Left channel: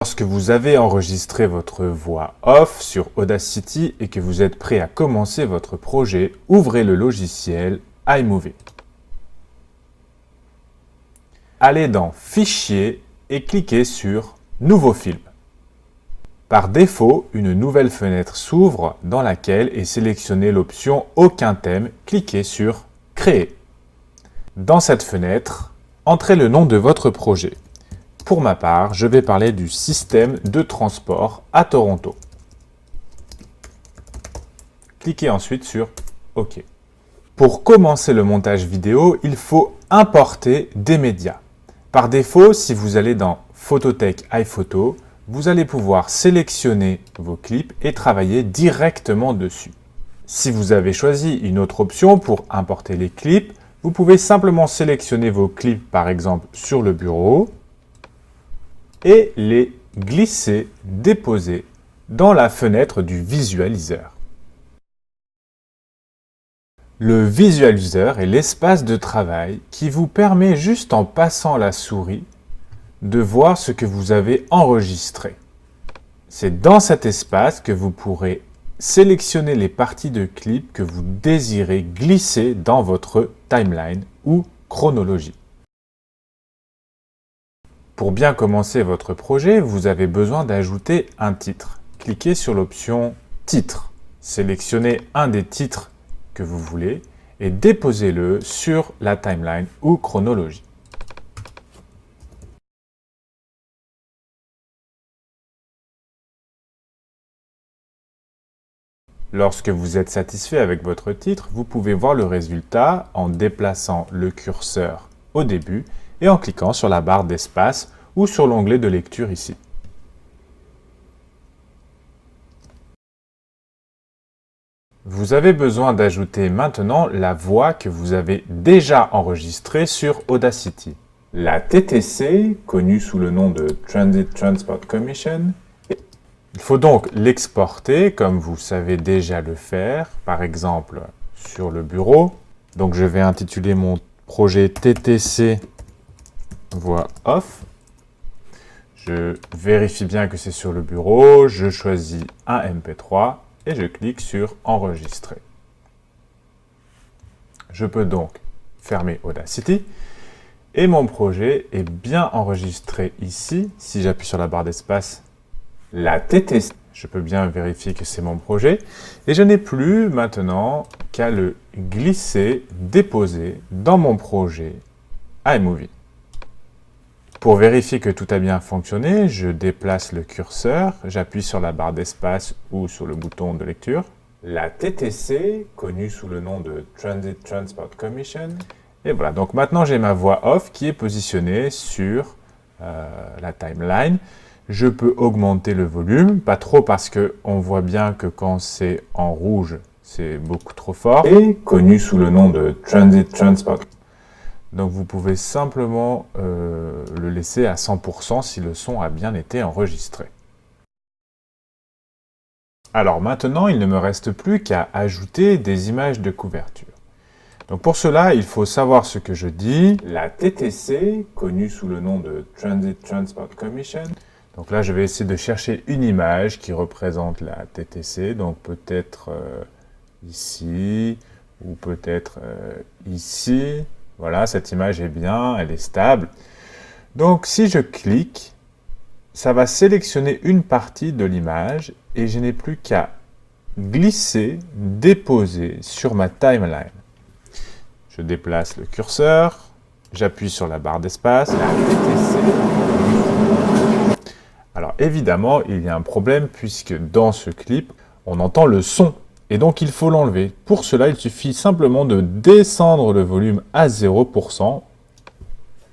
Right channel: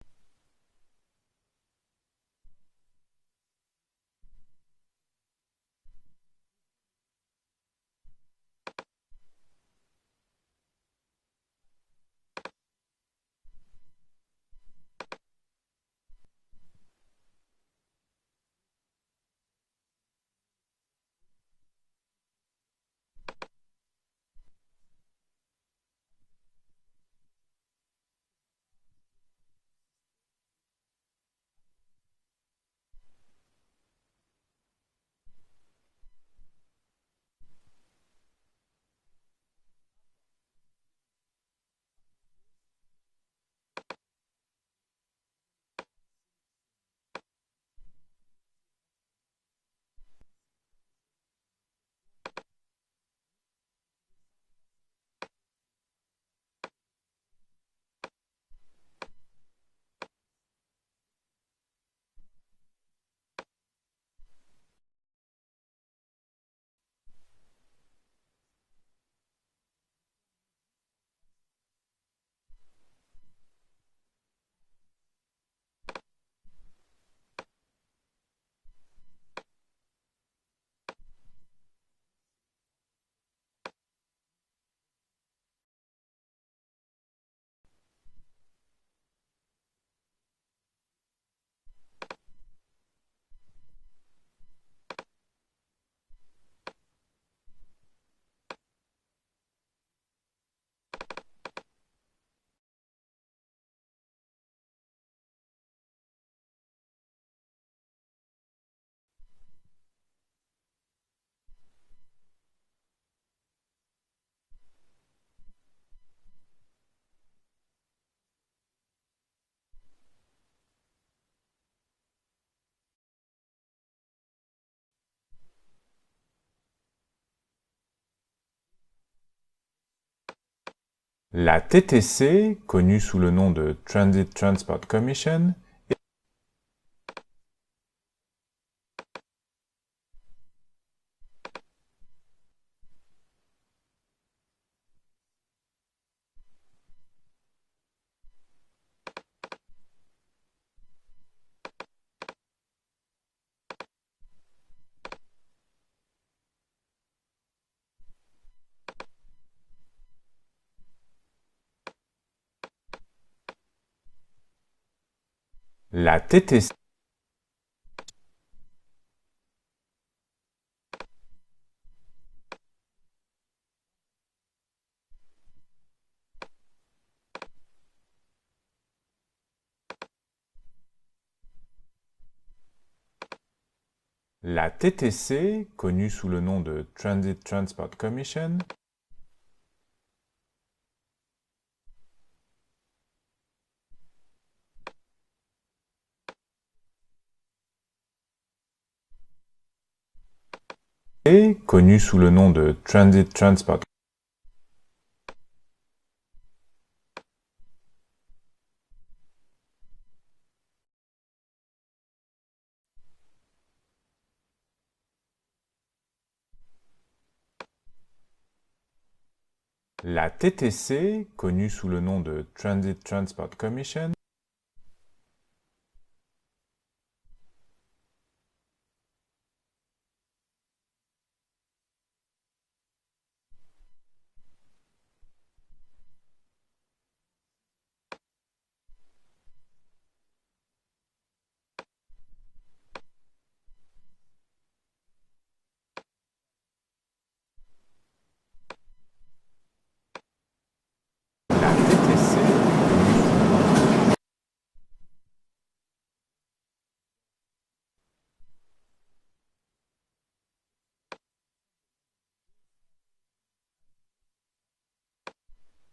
Lorsque vous avez enregistré votre voix off sur Audacity et que vous êtes prêt à commencer votre projet, ouvrez le logiciel iMovie. Allez dans Fichier et cliquez sur Nouveau film. Par défaut, une nouvelle fenêtre s'ouvre dans laquelle est sélectionnée l'option Aucun thème. Cliquez sur Créer. Dans cette fenêtre, entrez le nom de votre projet. Pour ma part, je vais parler du système de transport à Toronto. Cliquez ensuite sur OK. Pour commencer le montage vidéo, il faut importer des médias. Par défaut, si vous allez dans Photothèque iPhoto, vous allez pouvoir sélectionner vos clips et travailler directement dessus. Si vous avez choisi une autre option pour importer les clips, vous pouvez simplement sélectionner vos clips par exemple sur le bureau et les glisser, déposer dans la fenêtre du visualiseur. Le visualiseur est l'espace de travail qui vous permet juste en passant la souris de voir ce que vous avez enregistré. C'est dans cet espace que vous pourrez sélectionner les parties de clips que vous désirez glisser dans votre timeline ou chronologie. Pour bien commencer votre projet, vous avez besoin d'ajouter un titre. Cliquez sur l'option Titre. Sélectionnez un des titres que vous voulez et déposez-le sur la timeline ou chronologie. Lorsque vous êtes satisfait avec votre titre, vous pouvez voir le résultat en déplaçant le curseur au début et en cliquant sur la barre d'espace ou sur l'onglet de lecture ici. Vous avez besoin d'ajouter maintenant la voix que vous avez déjà enregistrée sur Audacity. La TTC, connue sous le nom de Transit Transport Commission. Il faut donc l'exporter comme vous savez déjà le faire, par exemple sur le bureau. Donc je vais intituler mon projet TTC voix off. Je vérifie bien que c'est sur le bureau, je choisis un MP3 et je clique sur enregistrer. Je peux donc fermer Audacity et mon projet est bien enregistré ici. Si j'appuie sur la barre d'espace, la TTC, je peux bien vérifier que c'est mon projet et je n'ai plus maintenant qu'à le glisser, déposer dans mon projet iMovie. Pour vérifier que tout a bien fonctionné, je déplace le curseur, j'appuie sur la barre d'espace ou sur le bouton de lecture. La TTC, connue sous le nom de Transit Transport Commission. Et voilà, donc maintenant j'ai ma voix off qui est positionnée sur la timeline. Je peux augmenter le volume, pas trop parce qu'on voit bien que quand c'est en rouge, c'est beaucoup trop fort. Et connu sous le nom de Transit Transport. Donc vous pouvez simplement le laisser à 100% si le son a bien été enregistré. Alors maintenant, il ne me reste plus qu'à ajouter des images de couverture. Donc pour cela, il faut savoir ce que je dis. La TTC, connue sous le nom de Transit Transport Commission. Donc là, je vais essayer de chercher une image qui représente la TTC. Donc peut-être ici, ou peut-être ici. Voilà, cette image est bien, elle est stable. Donc si je clique, ça va sélectionner une partie de l'image et je n'ai plus qu'à glisser, déposer sur ma timeline. Je déplace le curseur, j'appuie sur la barre d'espace, la TTC. Alors évidemment, il y a un problème puisque dans ce clip, on entend le son. Et donc il faut l'enlever. Pour cela, il suffit simplement de descendre le volume à 0%.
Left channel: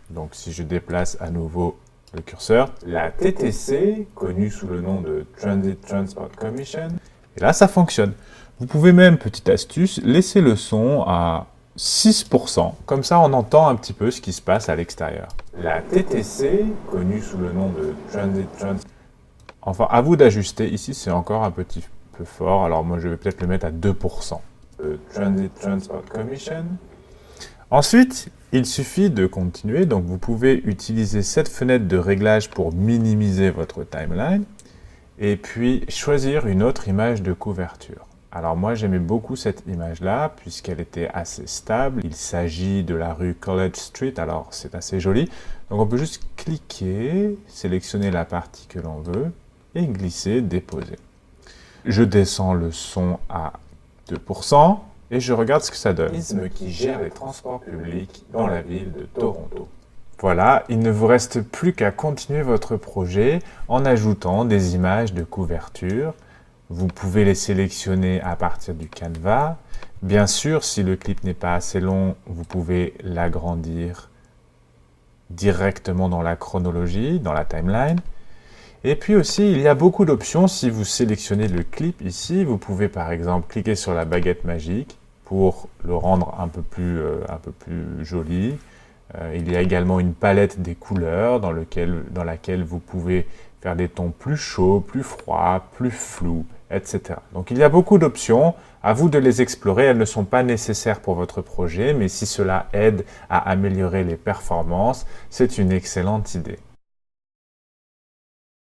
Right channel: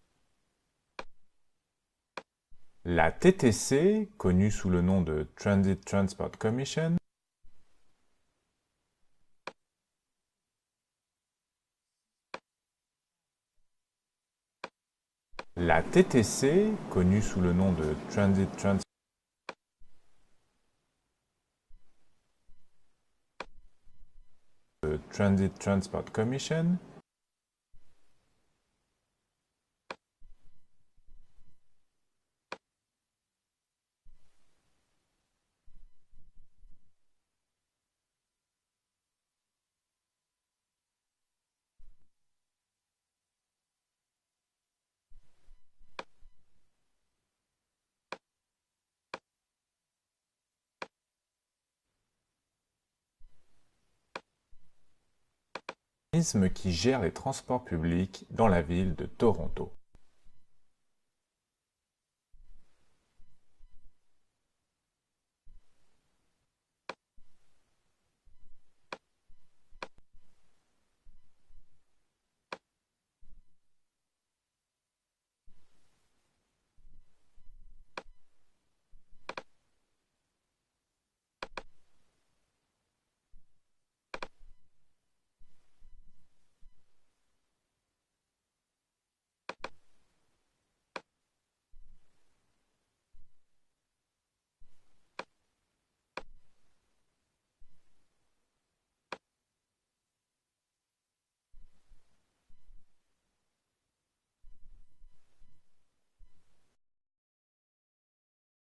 Donc si je déplace à nouveau le curseur, la TTC, connue sous le nom de Transit Transport Commission, et là ça fonctionne. Vous pouvez même, petite astuce, laisser le son à 6%, comme ça on entend un petit peu ce qui se passe à l'extérieur. La TTC, connue sous le nom de Transit Transport, enfin à vous d'ajuster, ici c'est encore un petit peu fort, alors moi je vais peut-être le mettre à 2%. Transit Transport Commission. Ensuite, il suffit de continuer, donc vous pouvez utiliser cette fenêtre de réglage pour minimiser votre timeline et puis choisir une autre image de couverture. Alors moi j'aimais beaucoup cette image-là puisqu'elle était assez stable. Il s'agit de la rue College Street, alors c'est assez joli. Donc on peut juste cliquer, sélectionner la partie que l'on veut et glisser, déposer. Je descends le son à 2%. Et je regarde ce que ça donne. L'organisme qui gère les transports publics dans la ville de Toronto. Voilà, il ne vous reste plus qu'à continuer votre projet en ajoutant des images de couverture. Vous pouvez les sélectionner à partir du Canva. Bien sûr, si le clip n'est pas assez long, vous pouvez l'agrandir directement dans la chronologie, dans la timeline. Et puis aussi, il y a beaucoup d'options. Si vous sélectionnez le clip ici, vous pouvez par exemple cliquer sur la baguette magique pour le rendre un peu plus joli. Il y a également une palette des couleurs dans laquelle vous pouvez faire des tons plus chauds, plus froids, plus flous, etc. Donc il y a beaucoup d'options. À vous de les explorer. Elles ne sont pas nécessaires pour votre projet, mais si cela aide à améliorer les performances, c'est une excellente idée.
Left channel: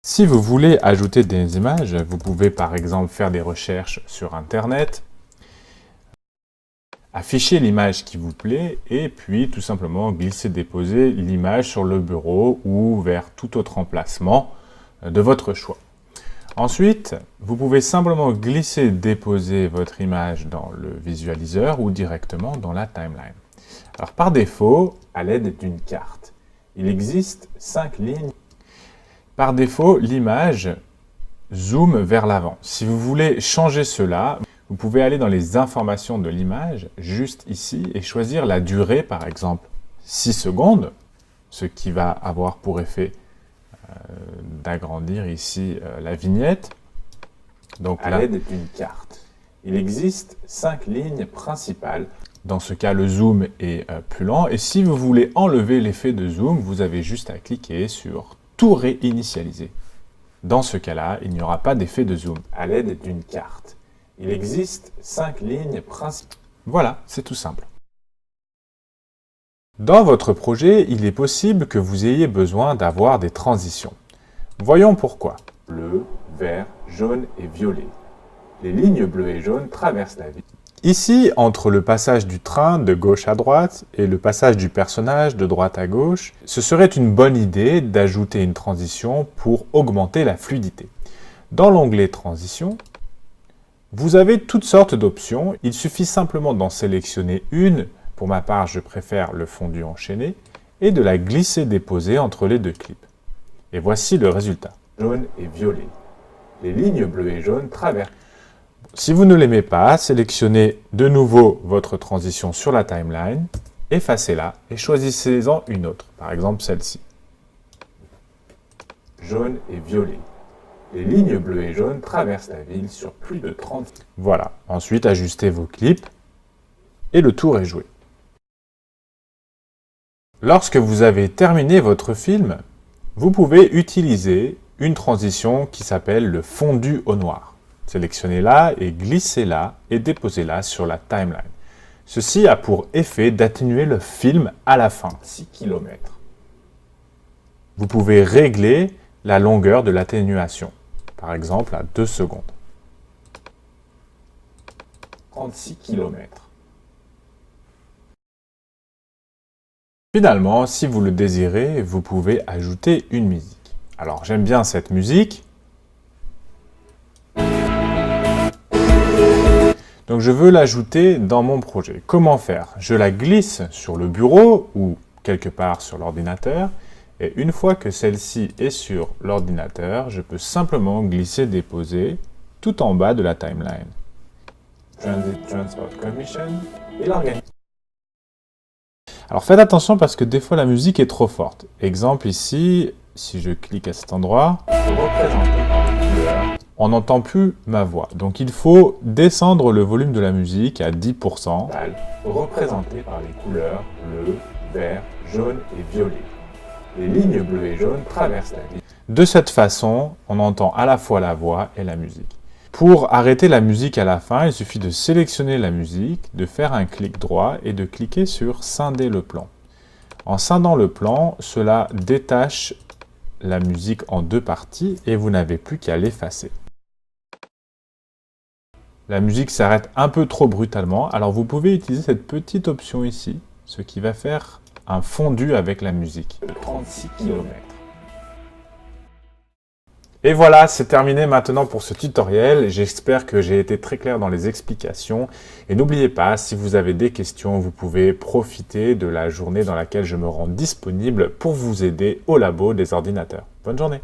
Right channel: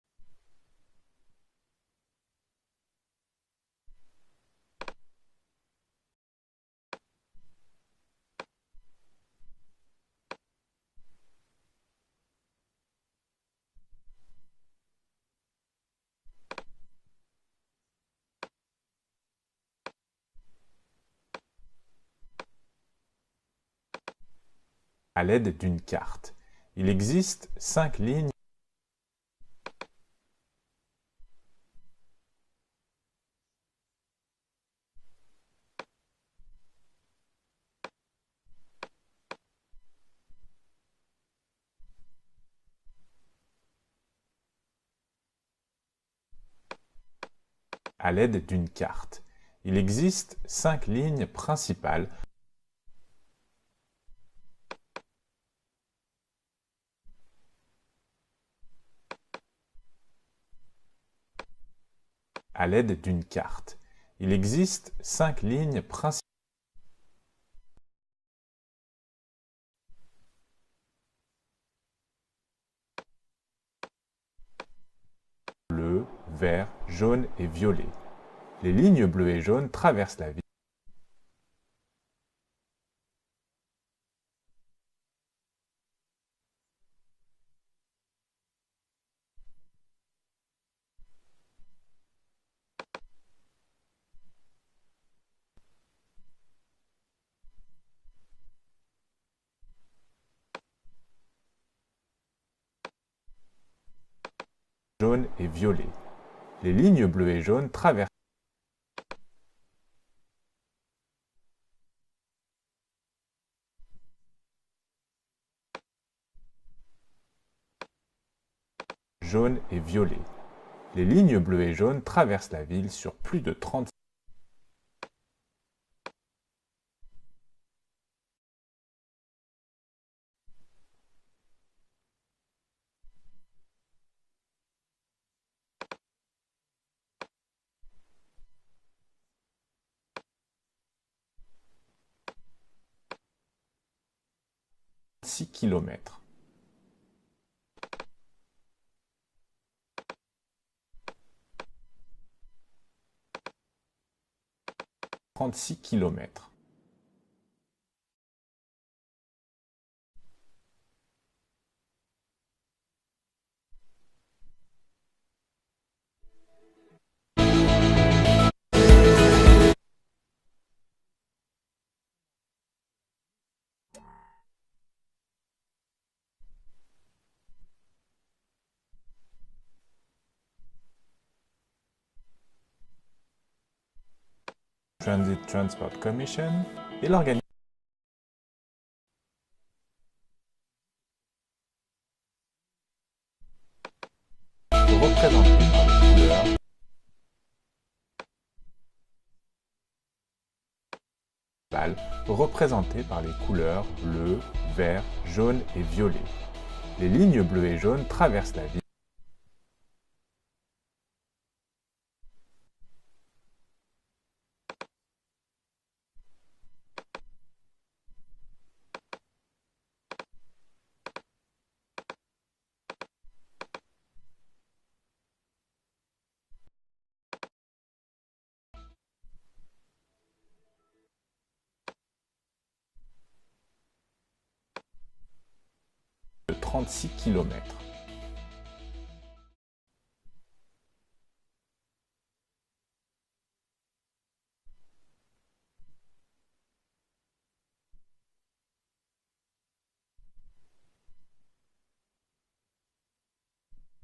Si vous voulez ajouter des images, vous pouvez par exemple faire des recherches sur Internet, afficher l'image qui vous plaît et puis tout simplement glisser-déposer l'image sur le bureau ou vers tout autre emplacement de votre choix. Ensuite, vous pouvez simplement glisser-déposer votre image dans le visualiseur ou directement dans la timeline. Alors par défaut, à l'aide d'une carte, il existe 5 lignes. Par défaut, l'image zoome vers l'avant. Si vous voulez changer cela, vous pouvez aller dans les informations de l'image, juste ici, et choisir la durée, par exemple 6 secondes, ce qui va avoir pour effet d'agrandir ici la vignette, donc à l'aide d'une carte. Il existe 5 lignes principales. Dans ce cas, le zoom est plus lent, et si vous voulez enlever l'effet de zoom, vous avez juste à cliquer sur « Tout réinitialiser ». Dans ce cas-là, il n'y aura pas d'effet de zoom à l'aide d'une carte. Il existe 5 lignes principales. Voilà, c'est tout simple. Dans votre projet, il est possible que vous ayez besoin d'avoir des transitions. Voyons pourquoi. Bleu, vert, jaune et violet. Les lignes bleues et jaunes traversent la ville. Ici, entre le passage du train de gauche à droite et le passage du personnage de droite à gauche, ce serait une bonne idée d'ajouter une transition pour augmenter la fluidité. Dans l'onglet Transition, vous avez toutes sortes d'options. Il suffit simplement d'en sélectionner une. Pour ma part, je préfère le fondu enchaîné et de la glisser-déposer entre les deux clips. Et voici le résultat. Jaune et violet. Les lignes bleues et jaunes traversent. Si vous ne l'aimez pas, sélectionnez de nouveau votre transition sur la timeline, effacez-la et choisissez-en une autre, par exemple celle-ci. Jaune et violet. Les lignes bleues et jaunes traversent la ville sur plus de 30... Voilà, ensuite ajustez vos clips et le tour est joué. Lorsque vous avez terminé votre film, vous pouvez utiliser une transition qui s'appelle le fondu au noir. Sélectionnez-la et glissez-la et déposez-la sur la timeline. Ceci a pour effet d'atténuer le film à la fin, 6 km. Vous pouvez régler la longueur de l'atténuation, par exemple à 2 secondes. 36 km. Finalement, si vous le désirez, vous pouvez ajouter une musique. Alors j'aime bien cette musique. Donc je veux l'ajouter dans mon projet. Comment faire? Je la glisse sur le bureau ou quelque part sur l'ordinateur. Et une fois que celle-ci est sur l'ordinateur, je peux simplement glisser-déposer tout en bas de la timeline. Transit Transport Commission et l'organiser. Alors faites attention parce que des fois la musique est trop forte. Exemple ici, si je clique à cet endroit, représenter par les couleurs, on n'entend plus ma voix. Donc il faut descendre le volume de la musique à 10%, représenté par les couleurs bleu, vert, jaune et violet. Les lignes bleues et jaunes traversent la ville. De cette façon, on entend à la fois la voix et la musique. Pour arrêter la musique à la fin, il suffit de sélectionner la musique, de faire un clic droit et de cliquer sur scinder le plan. En scindant le plan, cela détache la musique en deux parties et vous n'avez plus qu'à l'effacer. La musique s'arrête un peu trop brutalement, alors vous pouvez utiliser cette petite option ici, ce qui va faire un fondu avec la musique de 36 km. Et voilà, c'est terminé maintenant pour ce tutoriel. J'espère que j'ai été très clair dans les explications. Et n'oubliez pas, si vous avez des questions, vous pouvez profiter de la journée dans laquelle je me rends disponible pour vous aider au labo des ordinateurs. Bonne journée!